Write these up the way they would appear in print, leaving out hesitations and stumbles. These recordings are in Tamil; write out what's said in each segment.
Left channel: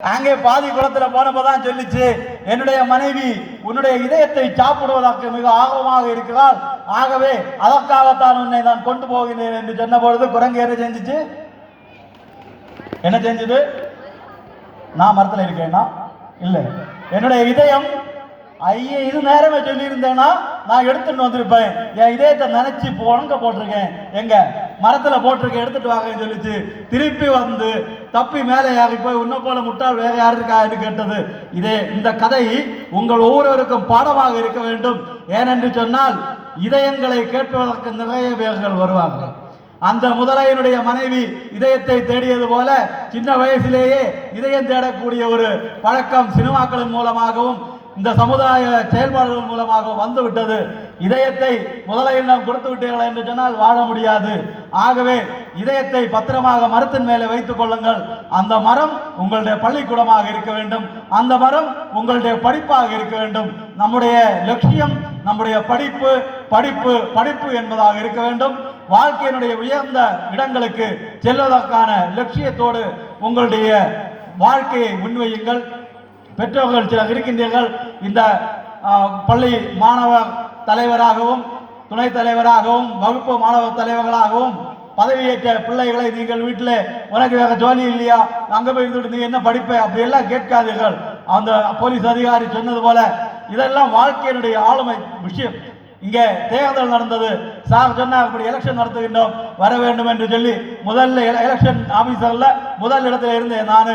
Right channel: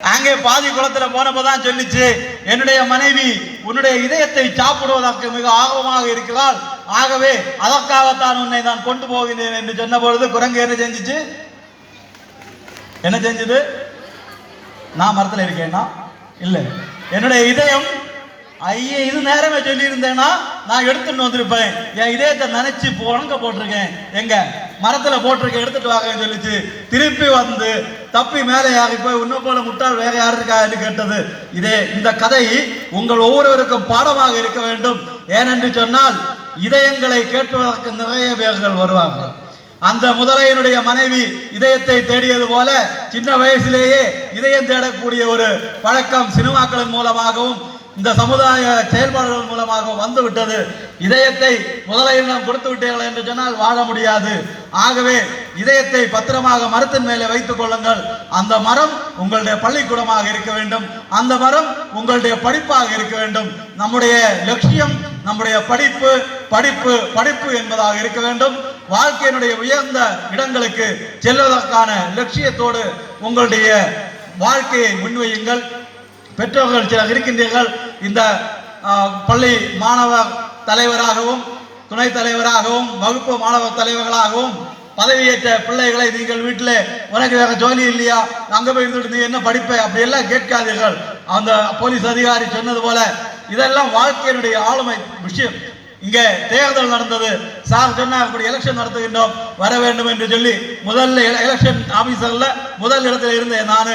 அங்கே பாதி குளத்துல போனப்பதான் சொல்லிச்சு, என்னுடைய மனைவி உன்னுடைய இதயத்தை சாப்பிடுவதற்கு மிக ஆர்வமாக இருக்கிறாள், ஆகவே அதற்காகத்தான் உன்னை நான் கொண்டு போகிறேன் என்று சொன்ன பொழுது குரங்கு என்ன செஞ்சிச்சு? என்ன செஞ்சது? நான் மரத்தில் இருக்கேன்னா இல்லை, என்னுடைய இதயம் ஐயே இது நேரமே சொல்லி இருந்தேன்னா நான் எடுத்துட்டு வந்திருப்பேன், என் இதயத்தை நினைச்சு உணங்க போட்டிருக்கேன், எங்க மரத்துல போட்டிருக்கேன், எடுத்துட்டு வாங்கன்னு சொல்லிச்சு. திருப்பி வந்து தப்பி மேலே யாரி போய் உன்ன போல முட்டாள் வேற யாரு இருக்கா என்று கேட்டது. இதே இந்த கதை உங்கள் ஒவ்வொருவருக்கும் பாடமாக இருக்க வேண்டும். ஏனென்று சொன்னால் இதயங்களை கேட்பதற்கு நிறைய பேர்கள் வருவார்கள். அந்த முதலையினுடைய மனைவி இதயத்தை தேடியது போல சின்ன வயசிலேயே இதயம் தேடக்கூடிய ஒரு பழக்கம் சினிமாக்களின் மூலமாகவும் இந்த சமுதாய செயல்பாடுகள் மூலமாக வந்து விட்டது. இதயத்தை முதலையிடம் கொடுத்து விட்டீர்கள் என்று சொன்னால் வாழ முடியாது. ஆகவே இதயத்தை பத்திரமாக மரத்தின் மேலே வைத்துக் கொள்ளுங்கள். அந்த மரம் உங்களுடைய பள்ளிக்கூடமாக இருக்க வேண்டும், அந்த மரம் உங்களுடைய படிப்பாக இருக்க வேண்டும். நம்முடைய லட்சியம் நம்முடைய படிப்பு படிப்பு படிப்பு என்பதாக இருக்க வேண்டும். வாழ்க்கையினுடைய உயர்ந்த இடங்களுக்கு செல்வதற்கான லட்சியத்தோடு உங்களுடைய வாழ்க்கையை முன்வையுங்கள். பெற்றோர்கள் சிலர் இருக்கின்றீர்கள், இந்த பள்ளி மாணவர் தலைவராகவும் துணைத் தலைவராகவும் வகுப்பு மாணவர் தலைவர்களாகவும் பதவியேற்ற பிள்ளைகளை நீங்கள் வீட்டில் உனக்கு வேற ஜோலி இல்லையா, அங்கே போய் இருந்துட்டு நீ என்ன படிப்ப அப்படியெல்லாம் கேட்காதீர்கள். அந்த போலீஸ் அதிகாரி சொன்னது போல இதெல்லாம் வாழ்க்கையினுடைய ஆளுமை விஷயம். இங்கே தேர்தல் நடந்தது, சார் சொன்ன அப்படி எலெக்ஷன் நடத்துகின்றோம் வர வேண்டும் என்று சொல்லி முதல்ல எலெக்ஷன் ஆபீசர்ல முதல் இடத்துல இருந்தேன் நான்.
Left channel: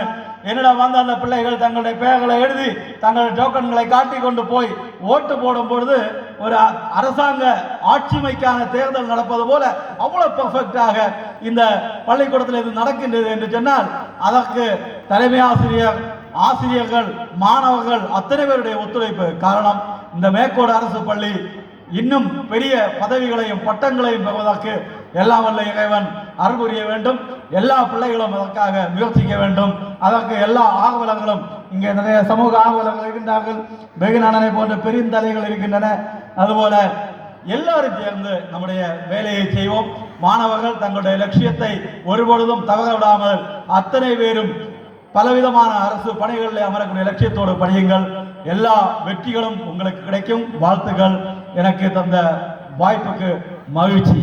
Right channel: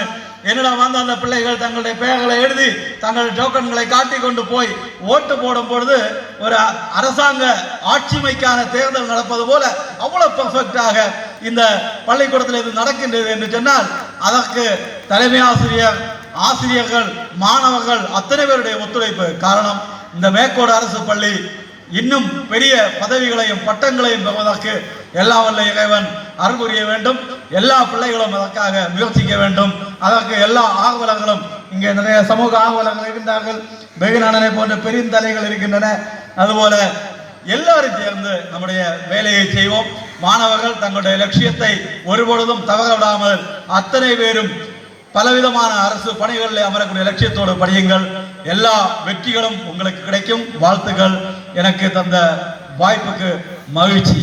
என்னிடம் வந்து அந்த பிள்ளைகள் தங்களுடைய பெயர்களை எழுதி தங்கள் டோக்கன்களை காட்டி கொண்டு போய் ஓட்டு போடும் பொழுது ஒரு அரசாங்க ஆட்சிமைக்கான தேர்தல் நடப்பது போல அவ்வளவு பெர்ஃபெக்டாக இந்த பள்ளிக்கூடத்தில் இது நடக்கின்றது என்று சொன்னால் அதற்கு தலைமை ஆசிரியர், ஆசிரியர்கள், மாணவர்கள் அத்தனை பேருடைய ஒத்துழைப்பு காரணம். இந்த மேற்கோடு அரசு பள்ளி இன்னும் பெரிய பதவிகளையும் பட்டங்களையும் பெறுவதற்கு எல்லா வல்ல இறைவன் அருள் புரிய வேண்டும். எல்லா பிள்ளைகளும் அதற்காக முயற்சிக்க வேண்டும். அதற்கு எல்லா ஆர்வலர்களும், இங்கே நிறைய சமூக ஆர்வலர்கள் இருக்கின்றார்கள், வெகுநாடனை போன்ற பெருந்தலைகள் இருக்கின்றன. அதுபோல எல்லாரும் சேர்ந்து நம்முடைய வேலையை செய்வோம். மாணவர்கள் தங்களுடைய லட்சியத்தை ஒருபொழுதும் தவற விடாமல் அத்தனை பேரும் பலவிதமான அரசு பணிகளில் அமரக்கூடிய லட்சியத்தோடு படியுங்கள். எல்லா வெற்றிகளும் உங்களுக்கு கிடைக்கும். வாழ்த்துக்கள். எனக்கு தந்த வாய்ப்புக்கு மகிழ்ச்சி.